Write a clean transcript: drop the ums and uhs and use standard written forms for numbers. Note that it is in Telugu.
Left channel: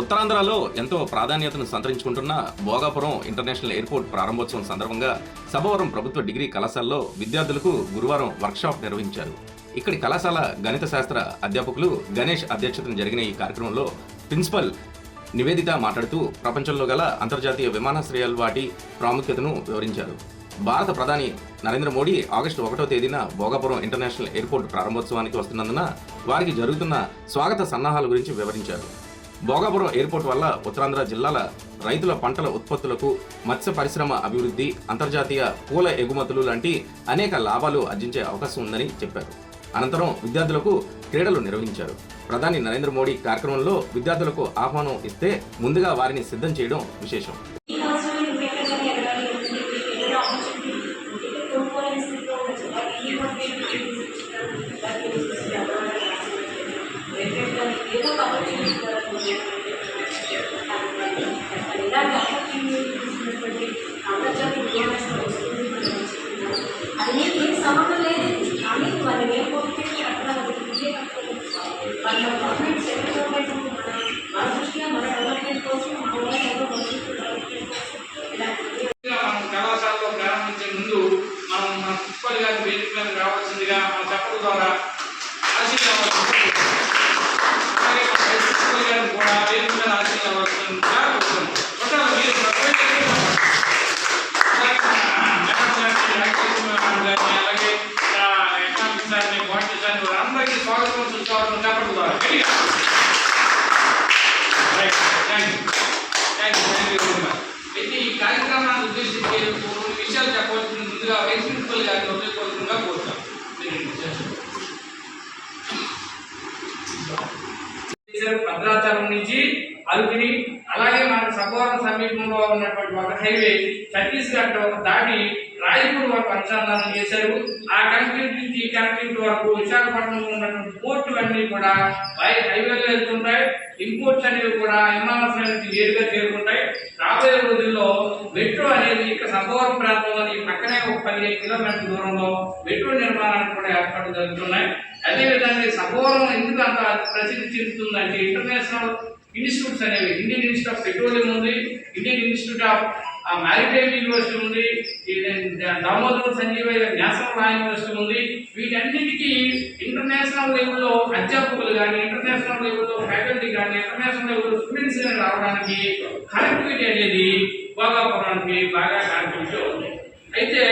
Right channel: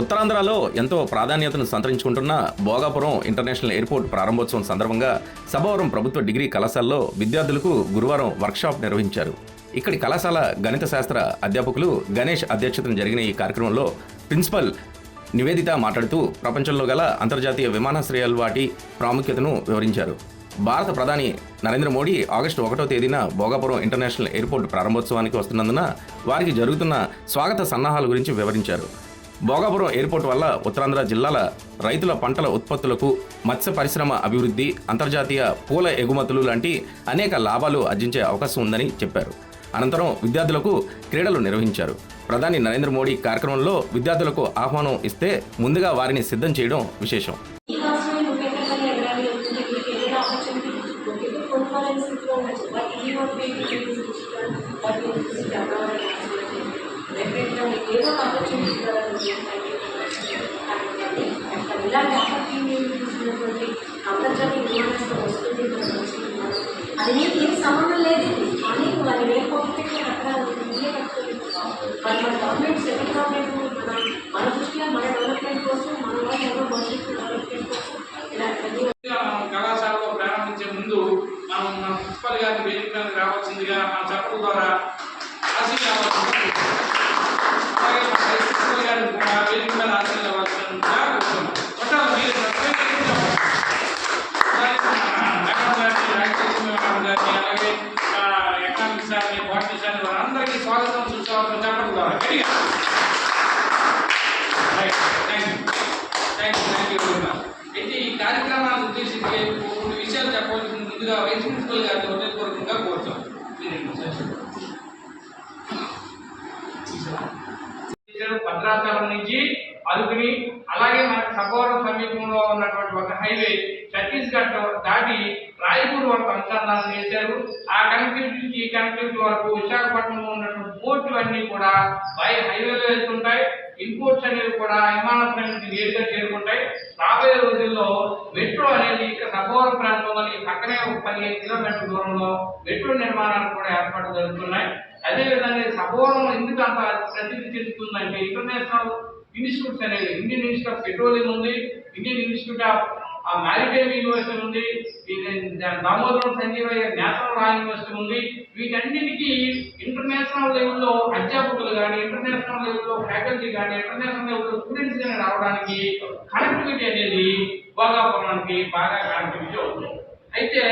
ఉత్తరాంధ్రలో ఎంతో ప్రాధాన్యతను సంతరించుకుంటున్న భోగాపురం ఇంటర్నేషనల్ ఎయిర్పోర్ట్ ప్రారంభోత్సవం సందర్భంగా సభవరం ప్రభుత్వ డిగ్రీ కళాశాలలో విద్యార్థులకు గురువారం వర్క్షాప్ నిర్వహించారు. ఇక్కడి కళాశాల గణిత శాస్త్ర అధ్యాపకులు గణేష్ అధ్యక్షతన జరిగిన ఈ కార్యక్రమంలో ప్రిన్సిపల్ నివేదిత మాట్లాడుతూ ప్రపంచంలో గల అంతర్జాతీయ విమానాశ్రయాల వాటి ప్రాముఖ్యతను వివరించారు. భారత ప్రధాని నరేంద్ర మోడీ ఆగస్టు 1వ తేదీన భోగాపురం ఇంటర్నేషనల్ ఎయిర్పోర్ట్ ప్రారంభోత్సవానికి వస్తున్నందున వారికి జరుగుతున్న స్వాగత సన్నాహాల గురించి వివరించారు. భోగాపురం ఎయిర్పోర్ట్ వల్ల ఉత్తరాంధ్ర జిల్లాల రైతుల పంటల ఉత్పత్తులకు, మత్స్య పరిశ్రమ అభివృద్ధి, అంతర్జాతీయ పూల ఎగుమతులు లాంటి అనేక లాభాలు ఆర్జించే అవకాశం ఉందని చెప్పారు. అనంతరం విద్యార్థులకు క్రీడలు నిర్వహించారు. ప్రధాని నరేంద్ర మోడీ కార్యక్రమంలో విద్యార్థులకు ఆహ్వానం ఇస్తే ముందుగా వారిని సిద్ధం చేయడం విశేషం. అది నేను ఏం సంబంధం లేదు, కానీ వాళ్ళు వేరుకోకపోతే అక్కడ మన గవర్నమెంట్ సెంట్రల్ గవర్నమెంట్ మన దృష్ట్యా మన డెవలప్మెంట్ కోసం మన వాళ్ళు భవిష్యత్తు డెవలప్మెంట్ కోసం కళాశాలలో ప్రారంభించే ముందు మనం మన ప్రిన్సిపల్ గారిని వేదిక మీద రావాల్సిందిగా మన చెప్పడం ద్వారా ఆశీర్వాదాలు, అలాగే మన ప్రిన్సిపల్ గారిని కూడా వేదిక మీద ఆశీర్వాదాల్సిందిగా కోరుతున్నాం. అలాగే ఎకనామిక్స్ సార్ని, బాటనీ సార్ని వారందరికీ స్వాగతం చూసుకోవాలని చెప్పడం ద్వారా అయితే ఈ కార్యక్రమాన్ని ఉద్దేశించి కొన్ని విషయాలు చెప్పవలసిన ముందుగా వైస్ ప్రిన్సిపల్ గారిని హృదయపూర్వకంగా కోరుతాం. భద్రాచలం నుంచి అరుకుని, అలాగే మనకు సభవరం సమీపంలో ఉన్నటువంటి ఒక హైవే ఛత్తీస్గఢ్ దాటి రాయపూర్ వరకు అనుసంధానం చేశారు. ఆ కనెక్టివిటీ నుంచి ఈ కనెక్టివిటీ వరకు విశాఖపట్నంలో ఉన్నటువంటి పోర్టు అన్నీ కూడా హైవేలో వెళ్తుంటాయి. ఇంపోర్ట్స్ అనేవి కూడా విమానాశ్రయం నుంచి నేరుగా చేరుకుంటాయి. రాబోయే రోజుల్లో మెట్రో అనేది ఇక సభవరం ప్రాంతంలో పక్కనే ఒక 15 కిలోమీటర్ల దూరంలో మెట్రో నిర్మాణానికి కూడా ఏర్పాట్లు జరుగుతున్నాయి. అదేవిధంగా సభవరం ఎందుకు అంత ప్రసిద్ధి చెందుతుందంటే ఇంటర్నేషనల్ ఇన్స్టిట్యూట్స్ అనేవి ఇండియన్ ఇన్స్టిట్యూట్ ఆఫ్ పెట్రోలియం ఉంది, Indian institute of maritime university ఉంది, Damodaram Sanjivayya national law university ఉంది. వీటన్నిటికీ ఇంటర్నేషనల్ లెవెల్లో అధ్యాపకులు కానీ, ఇంటర్నేషనల్ లెవెల్లో ఫ్యాకల్టీ కానీ, ఇంటర్నేషనల్ లెవెల్లో స్టూడెంట్స్ కానీ రావడానికి కనెక్టివిటీ అనేది భోగాపురానికి బాగా కనెక్టివిటీ ఉంది. అయితే